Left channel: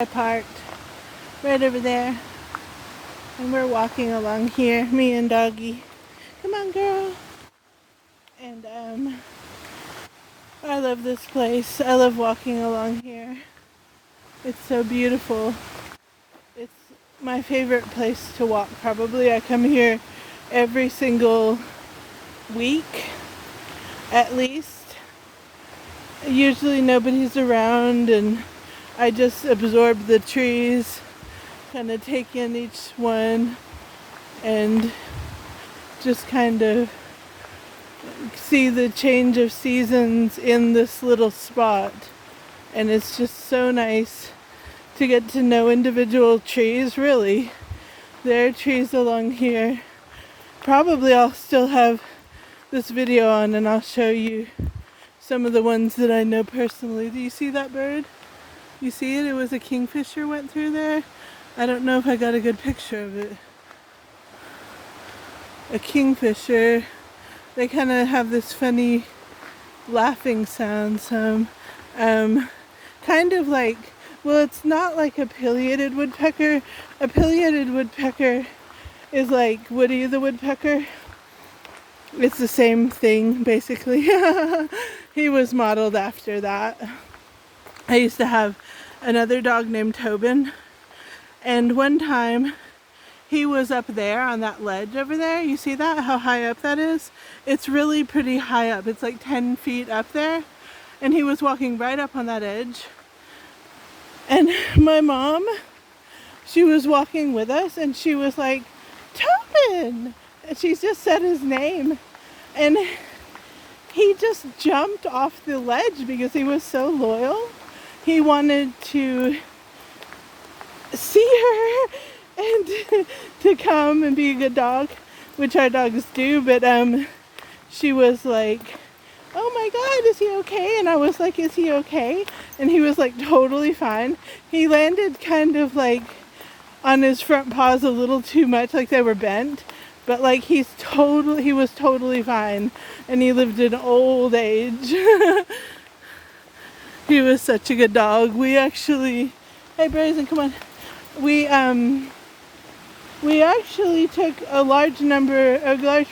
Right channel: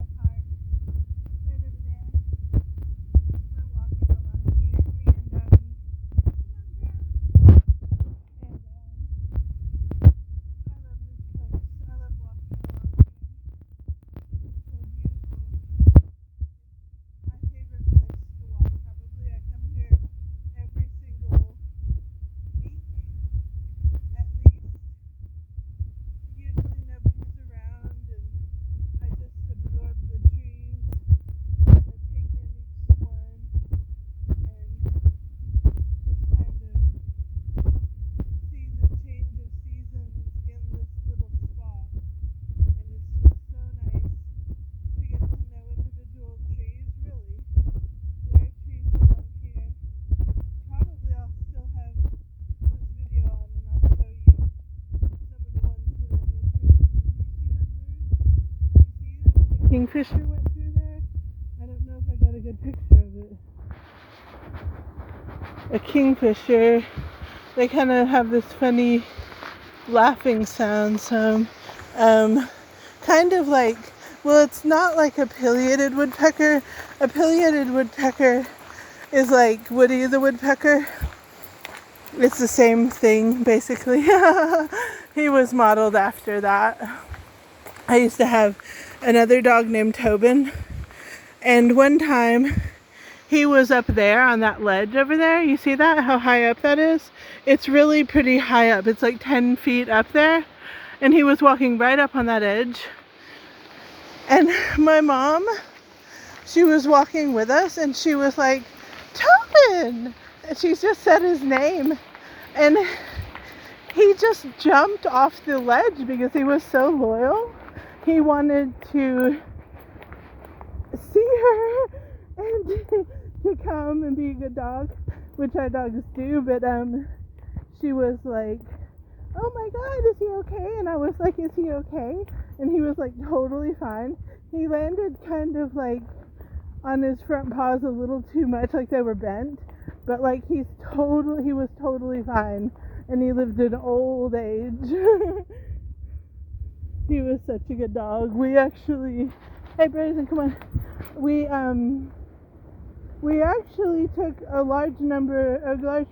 I parked right over there, and we're walking along here, me and Doggy. Come on, girl. And I love this place. I love walking along here. It's so beautiful. It's my favorite place to walk, probably. I come here every single week, at least. Usually nobody's around, and I just absorb the trees, kind of take in each one, and just kind of see the change of seasons in this little spot. And it's just so nice to get to know individual trees, really. There are trees along here. Probably I'll still have this video on, and I'll show you some of the ones that I know personally. Do you see that bird? You see it? It was a kingfisher went through there. I don't know if I got a good picture of it. A kingfisher. They kind of have this funny laughing sound. Kind of like, well, it's not like a pileated woodpecker. A pileated woodpecker is like Woody the woodpecker. It's the same thing, basically. He was modeled after that. I used to have another dog named Tobin, and one time he was up there on that ledge over there. You see that? How high up that is? It's really pretty high up. It's like 10 feet up there, and he was walking right up on that edge. And my mom, she was walking with us, and she was like, Tobin! And she just said his name, and he just jumped off the ledge because he was so loyal. He wanted to see her and to come and be a good dog, which our dogs do. But she was like, oh my God, is he okay? And I was like, is he okay? And he was like totally fine. He landed kind of like on his front paws a little too much, like they were bent. But like he was totally fine, and he lived in old age. He was such a good dog. We actually, hey Brazen, come on. We actually took a large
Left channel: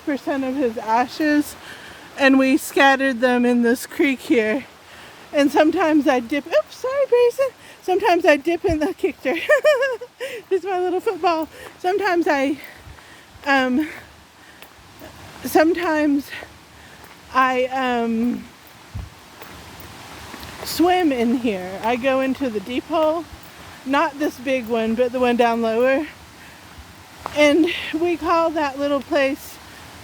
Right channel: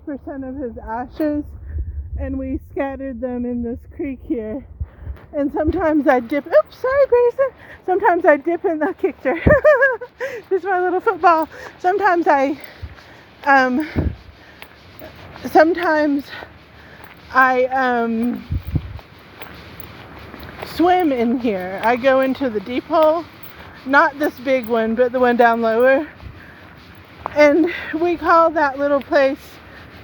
percent of his ashes, and we scattered them in this creek here. And sometimes I dip. Oops, sorry, Brazen. Sometimes I dip in the kicked her. He's my little football. Sometimes I swim in here. I go into the deep hole, not this big one, but the one down lower. And we call that little place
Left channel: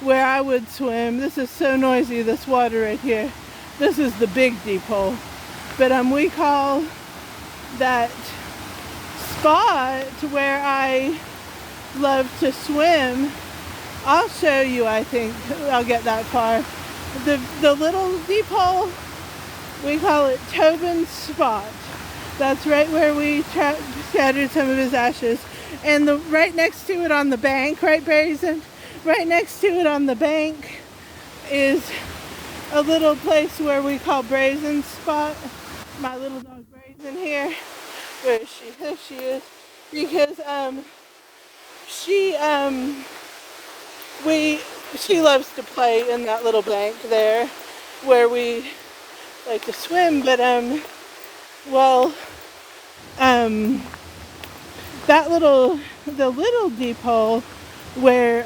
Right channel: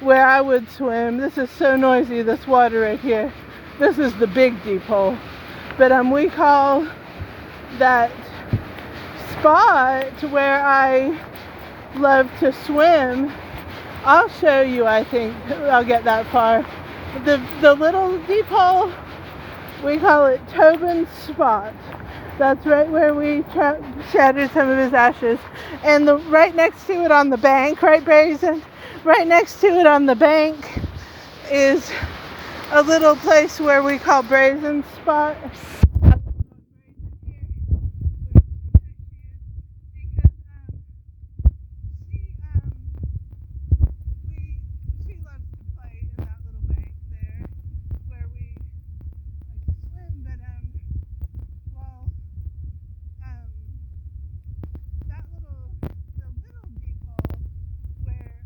where I would swim. This is so noisy, this water right here. This is the big deep hole. But we call that spot where I love to swim. I'll show you, I think. I'll get that far. The little deep hole, we call it Tobin's spot. That's right where we scattered some of his ashes. And right next to it on the bank, right, Brazen? Right next to it on the bank is a little place where we call Brazen's spot. My little dog Brazen here. Where is she? There she is. Because she loves to play in that little bank there where we like to swim. But the little deep hole where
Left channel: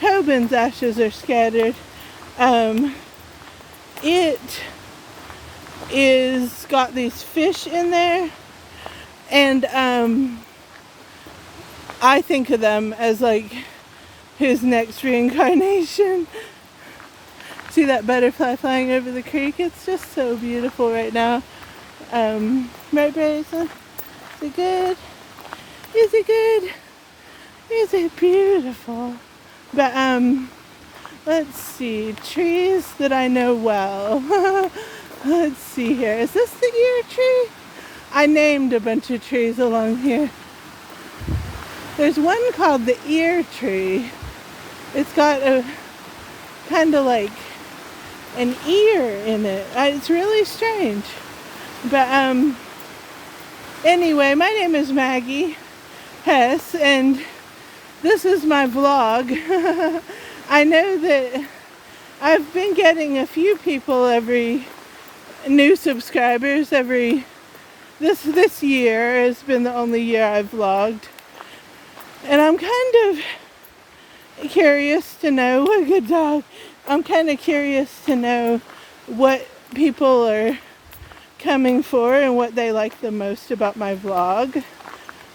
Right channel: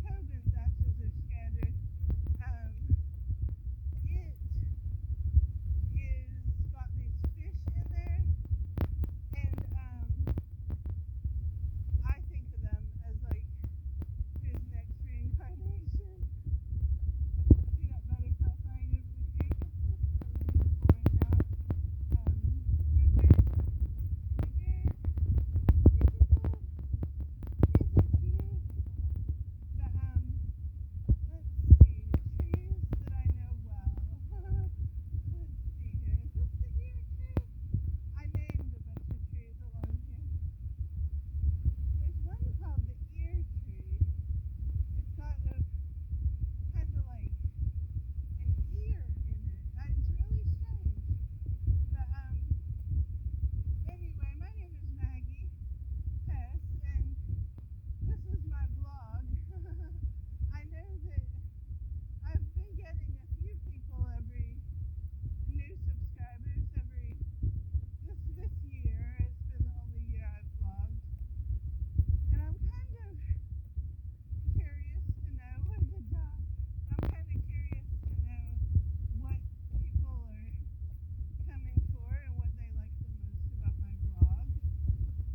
Tobin's ashes are scattered, it is got these fish in there, and I think of them as like his next reincarnation. See that butterfly flying over the creek? It's just so beautiful right now. Right, Brazen? Is it good? Is it good? Is it beautiful? But let's see, trees that I know well. Let's see here. Is this the ear tree? I named a bunch of trees along here. There's one called the ear tree. It's got a kind of like an ear in it. It's really strange. But Anyway, my name is Maggie Hess, and this is my vlog. I know that I've been getting a few people new subscribers this year has been the only year I've vlogged. And I'm kind of curious to know, what a good dog. I'm kind of curious to know what people are coming for and what they like the most about my vlog.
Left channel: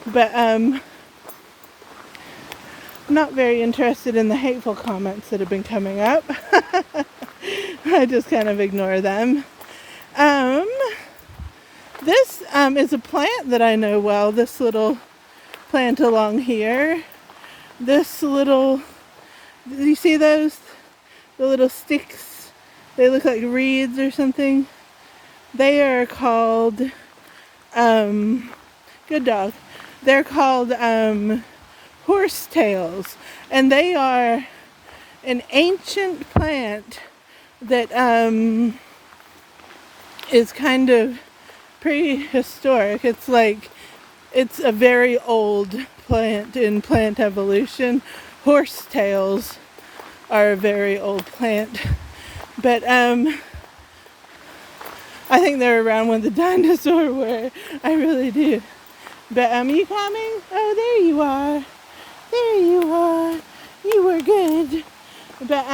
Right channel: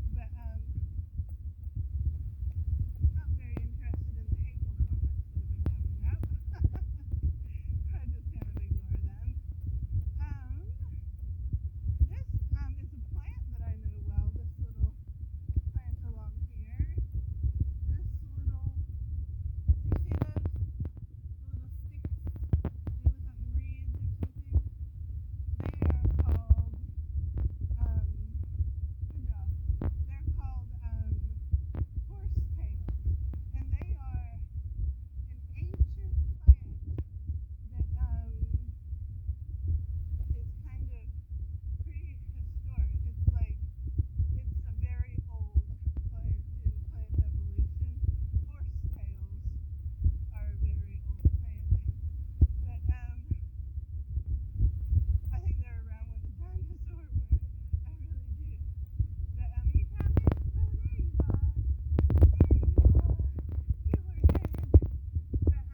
But I'm not very interested in the hateful comments that have been coming up. I just kind of ignore them. This is a plant that I know well, this little plant along here. Do you see those? The little sticks, they look like reeds or something. They are called, good dog. They're called horsetails, and they are an ancient plant that is kind of prehistoric. It's a very old plant in plant evolution. Horsetails are a very old plant, but I think they're around when the dinosaurs were. I really do. But you coming? Oh, there you are. There you are. You were good. But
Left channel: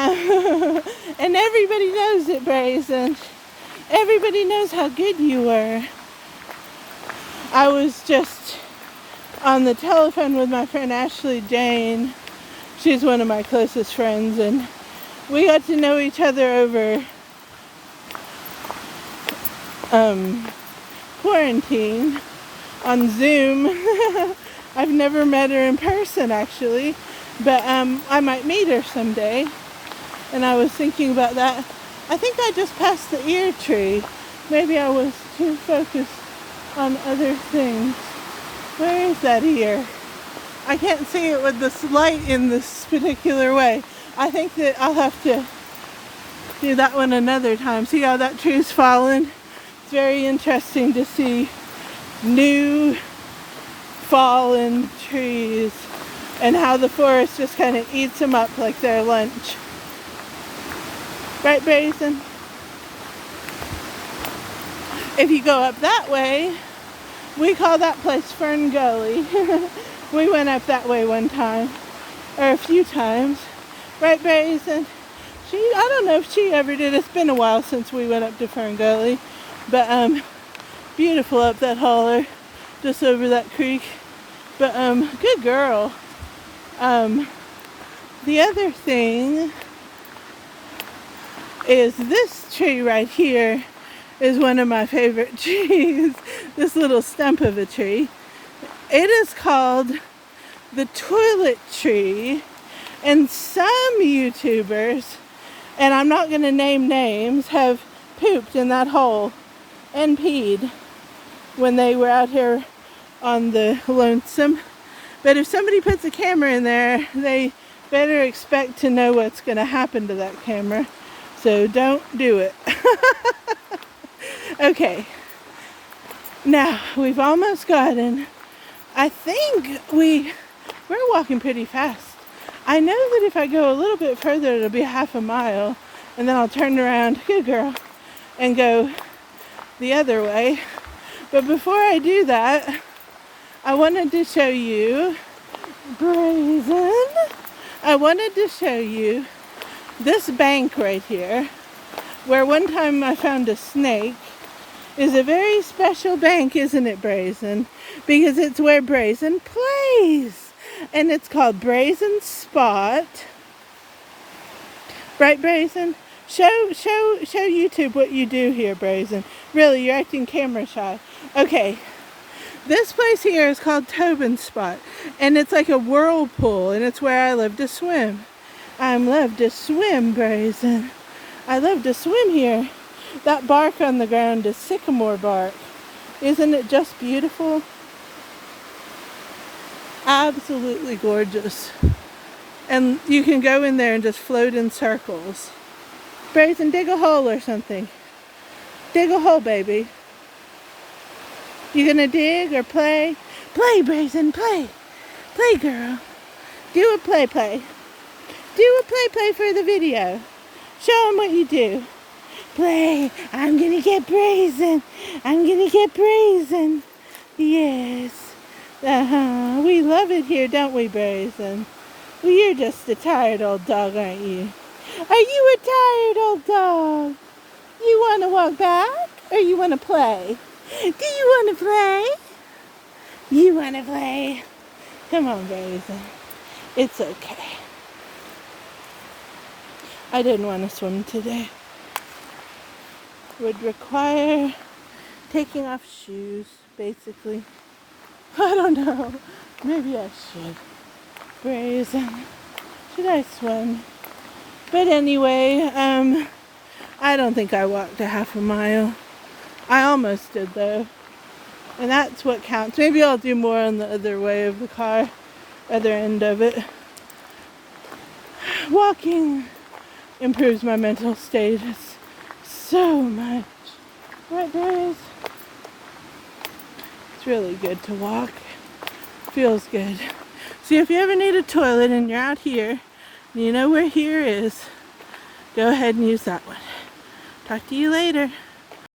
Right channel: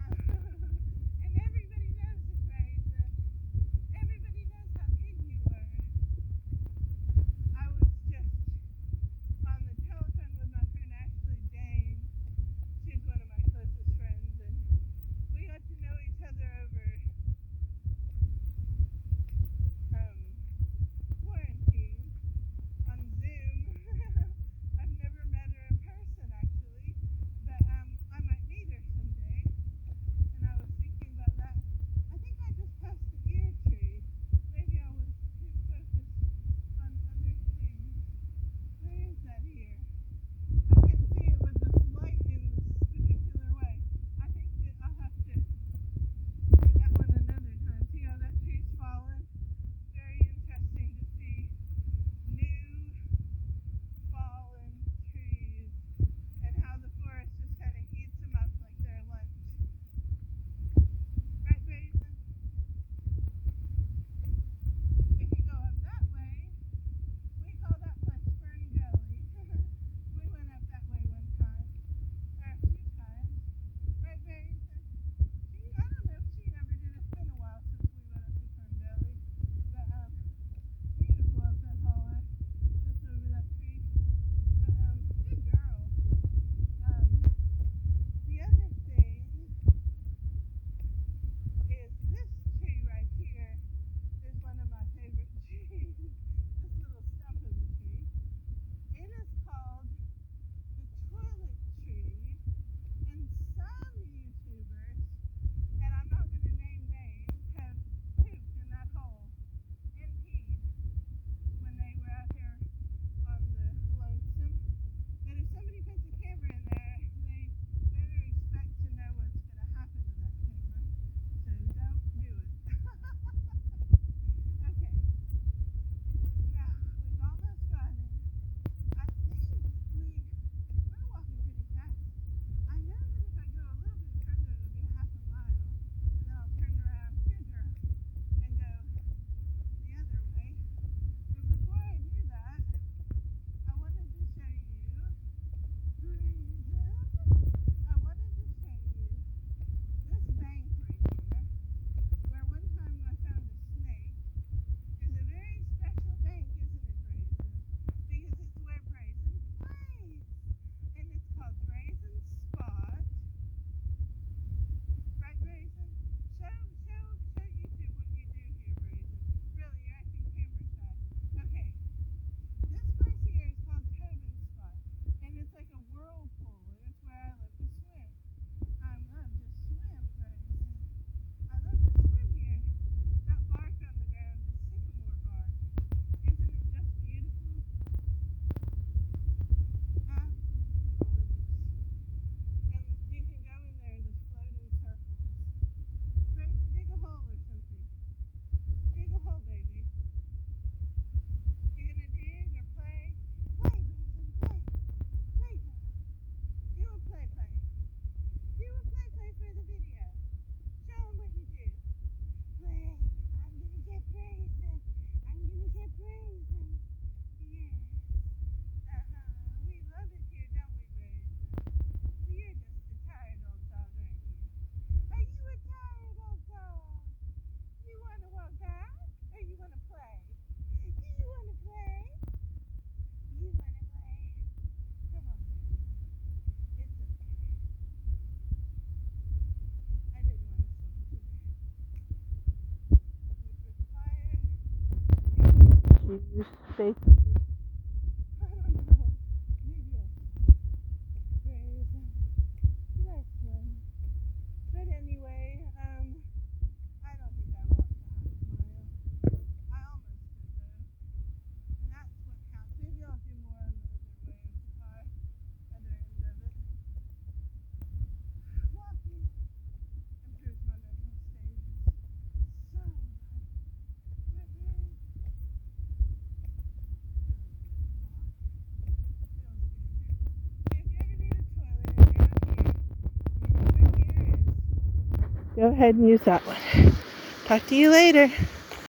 and everybody knows it, Brazen. Everybody knows how good you were. I was just on the telephone with my friend Ashley Jane. She's one of my closest friends, and we got to know each other over quarantine on Zoom. I've never met her in person, actually, but I might meet her someday, and I was thinking about that. I think I just passed the ear tree. Maybe I was too focused on other things. Where is that ear? I can't see it with this light in this particular way. I think that I'll have to do that one another time. See how that tree's fallen? It's very interesting to see new fallen trees and how the forest just kind of eats them up like their lunch. Right, Brazen? If you go up that way, we call that place Fern Gully. We went up that way one time, or a few times. Right, Brazen? I don't know if she ever did. It's been a while since we went up to Fern Gully. But beautiful up that holler, just over that creek. But good girl. The other thing is this tree right here is one of my favorite trees. This little stump of a tree. It is called the toilet tree, and some YouTubers, and I'm not going to name names, have pooped in that hole and peed when they were out here on the lonesome. But if somebody puts a camera in there, they better expect to know what's going to happen to that camera. So don't do it. Okay. Now, we've almost gotten, I think we're walking pretty fast. I know that if I go a little bit further, it'll be half a mile, and then I'll turn around, good girl, and go the other way. But before I do that, I wanted to show you, Brazen, I wanted to show you this bank right here, where one time I found a snake, is a very special bank, isn't it, Brazen? Because it's where Brazen plays. And it's called Brazen Spot. Right, Brazen? Show YouTube what you do here, Brazen. Really, you're acting camera shy. Okay. This place here is called Tobin Spot. And it's like a whirlpool. And it's where I love to swim. I love to swim, Brazen. I love to swim here. That bark on the ground is sycamore bark. Isn't it just beautiful? Absolutely gorgeous. And you can go in there and just float in circles. Brazen, dig a hole or something. Dig a hole, baby. You gonna dig or play? Play, Brazen, play. Play, girl. Do a play. Do a play for the video. Show them what you do. Play. I'm gonna get Brazen. I'm gonna get Brazen. Yes. We love it here, don't we, Brazen? Well, you're just a tired old dog, aren't you? Are you a tired old dog? You want to walk back or you want to play? Do you want to play? You want to play? Come on, Brazen. It's okay. I didn't want to swim today. Would require taking off shoes, basically. I don't know. Maybe I should. Brazen. Should I swim? But anyway, I don't think I walked a half a mile. I almost did though. And that's what counts. Maybe I'll do more on the other way of the car, other end of it. Walking improves my mental status so much. Right, Grace? It's really good to walk. Feels good. See, if you ever need a toilet and you're out here, you know where here is, go ahead and use that one. Talk to you later.